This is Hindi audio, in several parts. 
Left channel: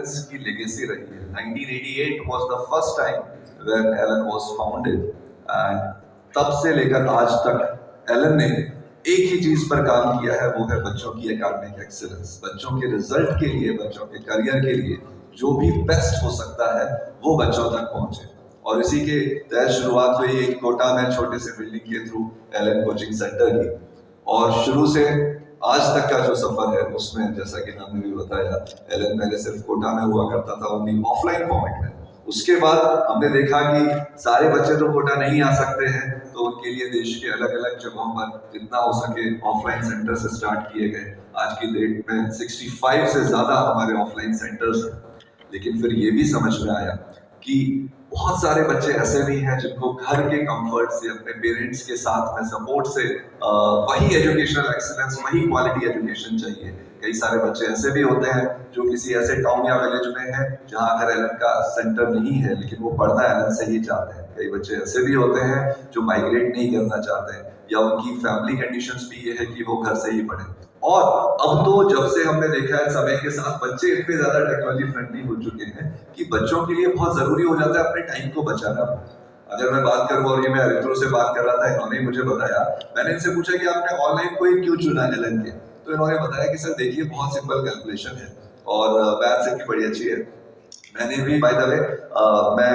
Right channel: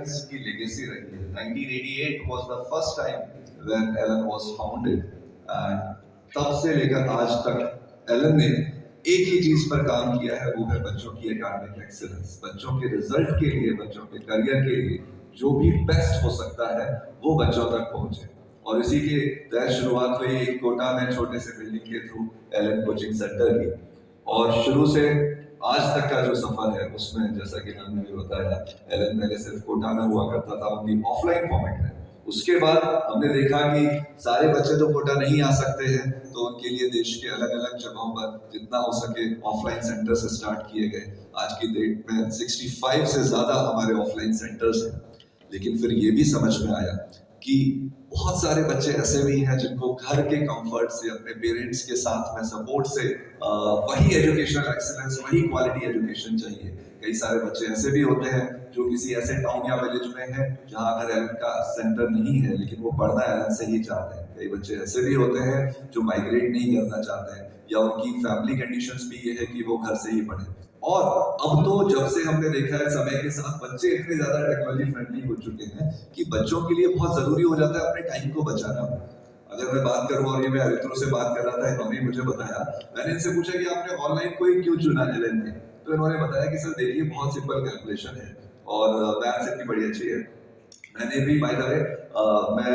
एक्सीलेंस की लेगेसी रही है। 1988 was the first time when Elon was founded and तब से लेकर आज तक एलन ने एक ही चीज पर काम किया है, वो है बच्चों की एकेडमिक एक्सीलेंस। बच्चों के रिजल्ट के लिए, बच्चों के करियर के लिए जो भी बेस्ट हो सकता है वो बच्चों तक पहुंचे। और इसी के तहत शुरुआत हुई एक कोटा में छोटे से बिल्डिंग के थ्रू एलन कोचिंग सेंटर की। और शुरू से आज तक का जो सफर है उसमें, जैसा कि नाम ने भी बताया, एलन पहले सिर्फ कोटा में हुआ करता था, ओनली ऑफलाइन फॉर्मेट में। उसके बाद हमने देखा कि सारे बच्चे तो कोटा नहीं आ सकते हैं, तो उनके लिए देश के अलग अलग जगहों पर जितना हो सके ऑफलाइन सेंटर से स्टार्ट किए गए। आज की डेट में 65 से ज्यादा हमारे ऑफलाइन सेंटर्स हैं। लेकिन फिर ये भी समझ में आया कि बहुत सारे बच्चे ऐसे भी हैं जिनको घर के कंफर्ट से, अपने पेरेंट्स के साथ में सपोर्ट से वही एजुकेशनल एक्सीलेंस, वही क्वालिटी एजुकेशन चाहिए। कई सारे बच्चे ऐसे भी होते हैं जो किसी ऐसे टाउन या विलेज में हैं जहां अगर एलन का सेंटर नहीं है, लेकिन वो पढ़ना एलन से ही चाहते हैं। कई बच्चे ऐसे भी होते हैं जो माइग्रेट नहीं करना चाहते हैं, या उनकी फैमिली कंडीशंस भी ये है कि वो घर से ही पढ़े। और अब तो जब से हमने देखा है समय के साथ बच्चे इतने ज्यादा टेक्नोलॉजी फ्रेंडली हो चुके हैं कि बच्चों के लिए बहुत जरूरी हो जाता है अपने टाइम को बचाना। अगर मैं बात करूं, और ये मैं अरित्रो से बात कर रहा था, इन्होंने मुझे बताया, मैंने इनसे पूछा कि आपने ऑनलाइन कोई क्यों चुना एलन के, तो इन्होंने बताया कि सर देखिए बहुत सिंपल कैलकुलेशन है और मैथ से भी बड़ी अच्छी है। मैंने भी बाय द वे मैं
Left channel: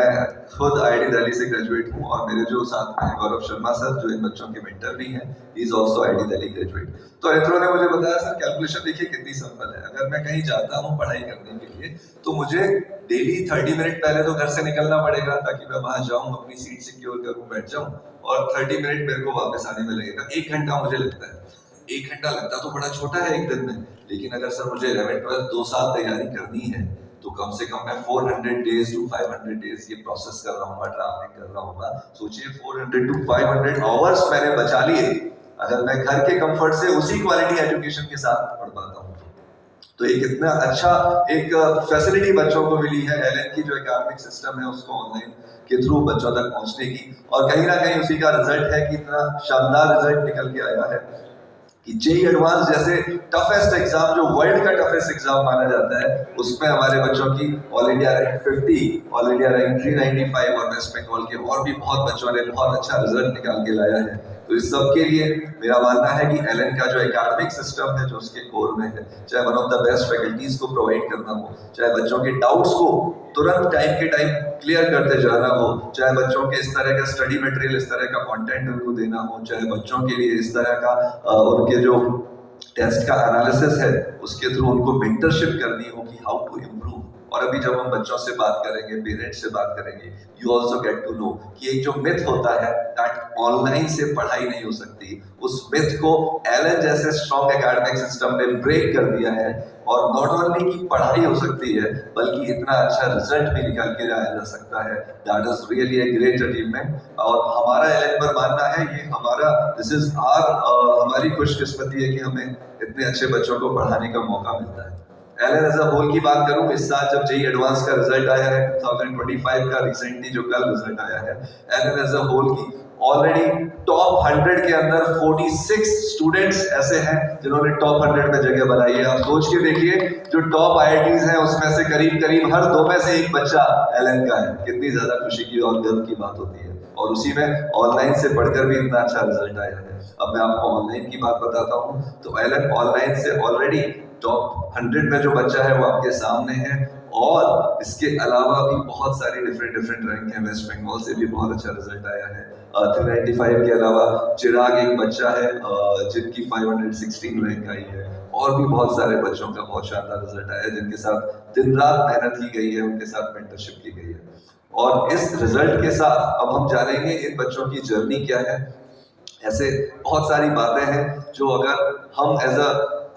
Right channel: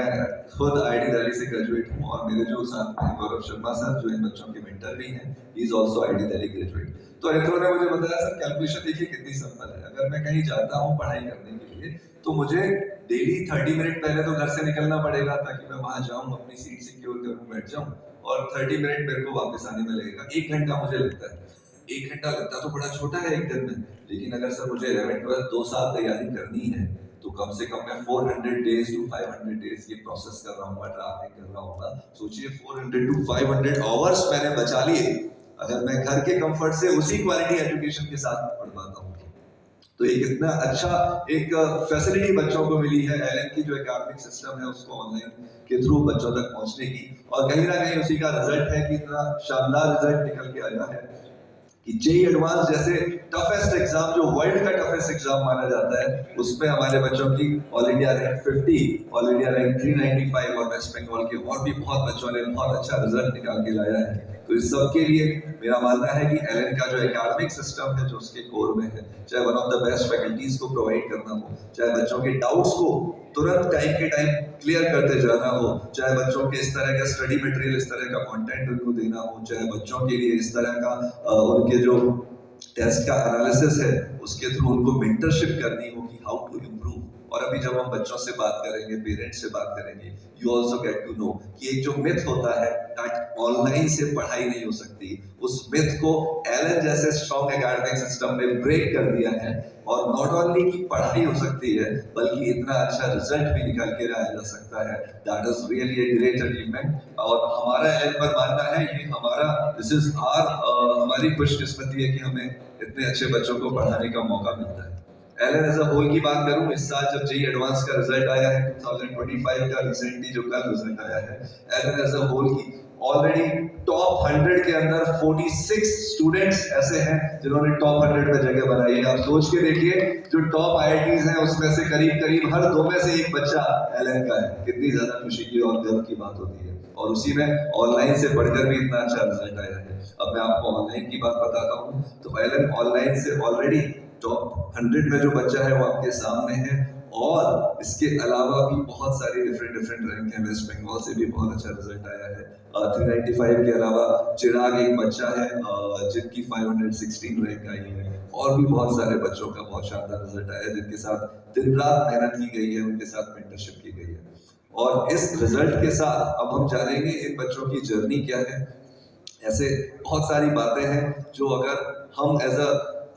खुद आईआईटी दिल्ली से ग्रेजुएट हूँ, और मेरे जो साथ में गौरव शर्मा सर जो इन बच्चों के मेंटर भी हैं, he is also IIT Delhi graduate. तो इन्होंने ने मुझे बताया सर कैलकुलेशन देखिए कितनी सिंपल है। अगर मैं कहीं जाता हूँ पढ़ाई करने के लिए, तो मुझे डेली 30 मिनट पहले तो घर से निकलना पड़ेगा ताकि मैं वहां जाऊँ, अपनी सीट सिक्योर करूँ, बैठ जाऊँ, और 30 मिनट मेरे को वापस आने में लगेगा। 1 घंटा मुझे लगता है। 1 घंटा लगता तो बड़ा छोटा है एक दिन में, लेकिन अगर सर मुझे 11 12 2 साल तैयारी करनी है तो कम से कम मैं 400 डेज टू 500 डेज ये प्रोसेस कर रहा हूँ, ट्रैवलिंग कर रहा हूँ। सोचिए 400 टू 500 आवर्स मैंने बचा लिए अगर मैं घर के कंफर्ट से उसी क्वालिटी एजुकेशन के साथ पढ़ पाता हूँ। तो एक इतना अच्छा एक फैसिलिटी बच्चों को मिली है एलन की जो एकेडमिक सिस्टम है उसको ऑनलाइन के थ्रू बच्चों तक पहुंचने की, और कहीं ना कहीं उसी का रिजल्ट है कि इतना शानदार रिजल्ट निकल के आया है कि जेईई एडवांस जैसे टफेस्ट एग्जाम, जो वर्ल्ड का टफेस्ट एग्जाम माना जाता है, उसमें हमारे बच्चों की all India rank 50, all India rank 395, और वेस्ट बंगाल के और भी बहुत बच्चों ने बहुत अच्छा रिजल्ट निकाल के लाया है। तो इस सब के लिए मेरा मानना है कि एलन का जो एकेडमिक सिस्टम है जो उसके कोर में है, चाहे one of the best faculties को प्रोवाइड करना हो, चाहे बच्चों के डाउट्स को तुरंत टाइम के टाइम क्लियर करते जाना हो, चाहे बच्चों के इस तरह का स्टडी मटेरियल, इस तरह का कंटेंट उनको देना हो, चाहे बच्चों के लिए इस तरह का उनके जो टेस्ट का एनालिसिस है उसके थ्रू उनको मेंटरशिप करनी हो कि हाउ टू इम्प्रूव। और अभी जब हम बच्चों से बात करेंगे, पेरेंट्स से बात करेंगे, you also get to know कि एक जो मिथ होता है दैट ऑनलाइन से पढ़ाई नहीं हो सकती, उस मिथ को एलन जैसे स्ट्रॉन्ग एकेडमिक सिस्टम ने ब्रेक कर दिया है। और नॉट ओनली की पढ़ाई हो सकती है, बल्कि इतना अच्छा रिजल्ट भी निकाल के लाया जा सकता है। That is really a great achievement. और हमारा एलन पर मानना है, ये हमारा दिस इज हमारी खुशकिस्मती है कि हमें इतने अच्छे बच्चों को पढ़ाने का मौका मिलता है। एलन एज अ होल की बात करूं, इस साल जब जेईई एडवांस का रिजल्ट आया है 2025 का, रिसेंटली जो कल रिजल्ट आया है, एलन एज अ होल की ऑलरेडी टॉप 100 के अंदर 46 स्टूडेंट्स ऐसे हैं जिन्होंने टॉप 100 में जगह बनाई है। आप सोच के देखिए, जो टॉप आईआईटीज हैं उसमें से करीब करीब हर 2 में से एक बच्चा एलन का है। कितनी ज्यादा खुशी की और गर्व की बात होती है, और उसी में ऑनलाइन से पढ़कर भी इतना अच्छा रिजल्ट आया है। अब मैं आपको ऑनलाइन की बात बताता हूँ, तो एलन ऑनलाइन से ऑलरेडी टॉप 100 में जो बच्चा है वो आपके सामने है, और इसके अलावा भी बहुत सारी डिफरेंट रैंक है। वेस्ट बंगाल से भी बहुत अच्छा रिजल्ट आया है। 395 के अलावा चिराग एक बच्चा है जिनकी 516 रैंक आई है, और भी बहुत सारे बच्चों का बहुत शानदार रिजल्ट आया है जिनके साथ दिन रात मेहनत की गई है, उनके साथ मेंटरशिप की गई है। और इस रिजल्ट के साथ अब हम जानेंगे इन बच्चों की जर्नी क्या है। ऐसे बहुत सारी बातें हैं जो अगर हम एज अ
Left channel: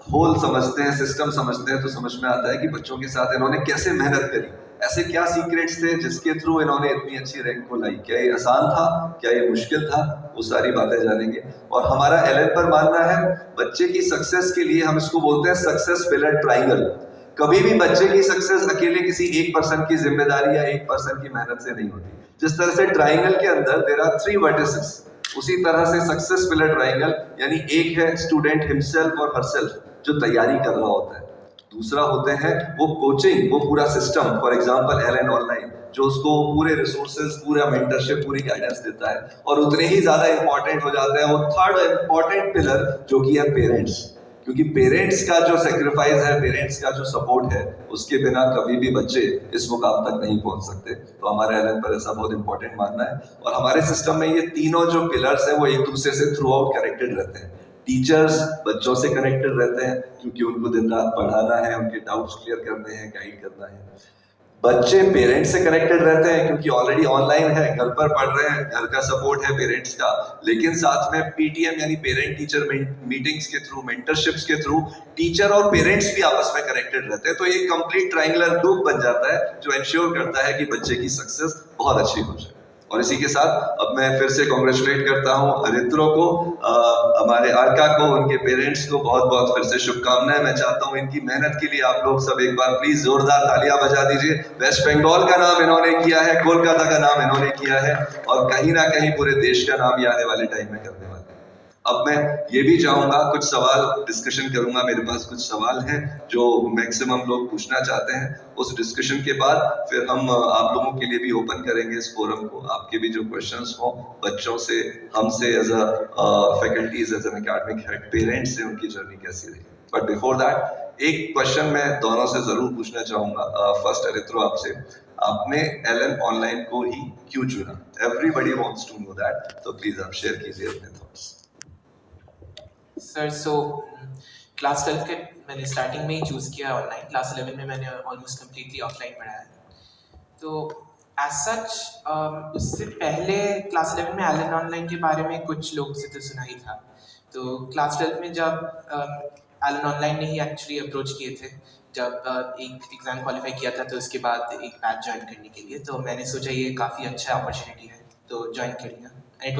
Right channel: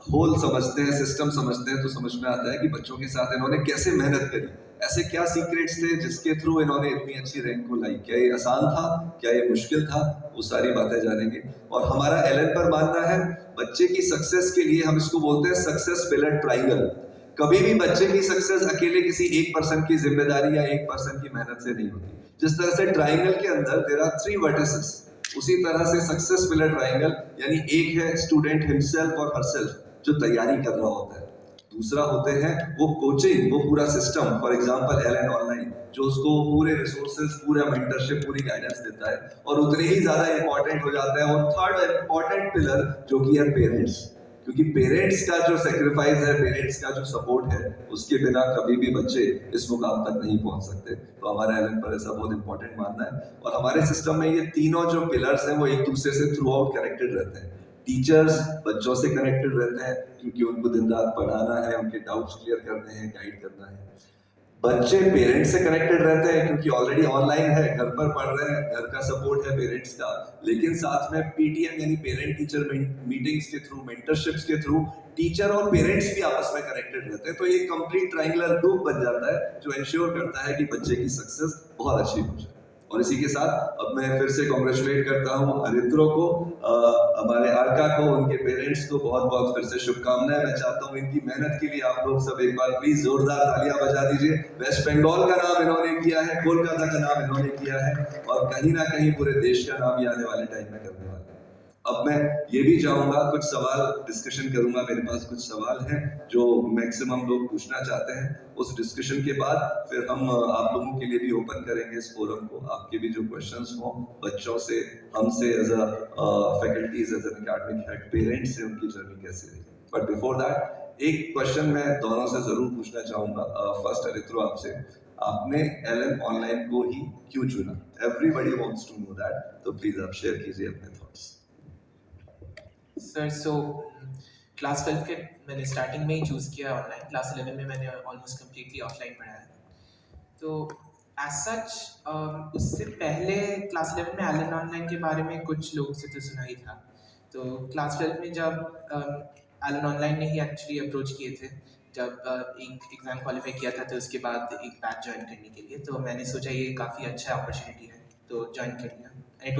होल समझते हैं, सिस्टम समझते हैं, तो समझ में आता है कि बच्चों के साथ इन्होंने कैसे मेहनत करी, ऐसे क्या सीक्रेट्स थे जिसके थ्रू इन्होंने इतनी अच्छी रैंक को लाई। क्या ये आसान था, क्या ये मुश्किल था, वो सारी बातें जानेंगे। और हमारा एलन पर मानना है, बच्चे की सक्सेस के लिए हम इसको बोलते हैं सक्सेस पिलर ट्राइंगल। कभी भी बच्चे की सक्सेस अकेले किसी एक पर्सन की जिम्मेदारी या एक पर्सन की मेहनत से नहीं होती। जिस तरह से ट्राइंगल के अंदर देयर आर 3 वर्टिसेस, उसी तरह से सक्सेस पिलर ट्राइंगल यानी एक है स्टूडेंट हिमसेल्फ और हरसेल्फ जो तैयारी कर रहा होता है, दूसरा होते हैं वो कोचिंग, वो पूरा system, for example Elon online, जो उसको पूरे रिसोर्सेज, पूरा मेंटरशिप, पूरी गाइडेंस देता है। और उतने ही ज्यादा इंपॉर्टेंट हो जाता है वो थर्ड इंपॉर्टेंट पिलर, जो कि है पेरेंट्स। क्योंकि पेरेंट्स का जो सेक्रीफाइस है, पेरेंट्स का जो सपोर्ट है, उसके बिना कभी भी बच्चे इस मुकाम तक नहीं पहुंच सकते। तो हमारे एलन पर ऐसा बहुत इंपॉर्टेंट मानना है। और हमारे सिस्टम में ये तीनों जो पिलर्स हैं वो एक दूसरे से थ्रू आउट कनेक्टेड रहते हैं। टीचर्स बच्चों से कनेक्टेड रहते हैं क्योंकि उनको दिन रात पढ़ाना है, उनके डाउट्स क्लियर करने हैं, गाइड करना है। बच्चे पेरेंट्स से कनेक्टेड रहते हैं क्योंकि ऑलरेडी ऑनलाइन है, घर पर पढ़ रहे हैं, घर का सपोर्ट है पेरेंट्स का। लेकिन साथ में पीटीएम यानी पेरेंट टीचर मीटिंग्स के थ्रू, मेंटरशिप्स के थ्रू टीचर और पेरेंट्स भी आपस में कनेक्टेड रहते हैं। तो ये कंप्लीट ट्रायंगुलर ग्रुप बन जाता है जो इंश्योर करता है कि बच्चे की सक्सेस बहुत अच्छी हो जाए। और इसी के साथ अब मैं फिर से कॉन्ग्रेचुलेट करता हूँ अरित्रो को, हमारे अर्का को, उनके पेरेंट्स को बहुत बहुत फिर से शुभकामनाएं। मैं चाहता हूँ इनकी मेहनत के लिए आप लोग सब एक बार प्लीज जोरदार तालियां बजा दीजिए। वेस्ट बंगाल का नाम इन्होंने किया है, कोलकाता का नाम इन्होंने किया है, और कहीं ना कहीं पूरे देश का नाम ये आने वाले टाइम में करने वाले हैं। अब मैं ये भी चाहूंगा कुछ सवाल डिस्कशन करूंगा, मेरे पास कुछ सवाल हैं जो मैक्सिमम लोग पूछना चाहते हैं। उस डिस्कशन के बाद फिर हम आप लोगों के लिए भी ओपन करेंगे इस फोरम को, आपके भी जो क्वेश्चंस हो बच्चों से, हमसे as a faculties, as an academic head, parents से उनकी जर्नी कैसी रही। बट बिफोर दैट एक क्वेश्चन मैं दोनों से जरूर पूछना चाहूंगा। फर्स्ट अरित्रो आपसे, आपने एलन ऑनलाइन को ही क्यों चुना? Everybody wants to know that, तो प्लीज आप शेयर कीजिए अपने थॉट्स। सर सो क्लास 12 के मैंने स्टार्टिंग में ही चूज़ किया ऑनलाइन। क्लास 11 में मैंने ऑलमोस्ट कम्प्लीटली ऑफलाइन पढ़ा है। तो एज सच उससे पहले क्लास 11 में एलन ऑनलाइन के बारे में कुछ लोग से तो सुना ही था। तो क्लास 12 में जब एलन ऑनलाइन ने ही एक्चुअली अप्रोच किए थे, जब एक एग्ज़ाम क्वालिफाई किया था तो उसके बाद एक बैच ज्वाइन करने के लिए, तो मैंने सोचा ये काफ़ी अच्छा अपॉर्चुनिटी है तो ज्वाइन कर लिया।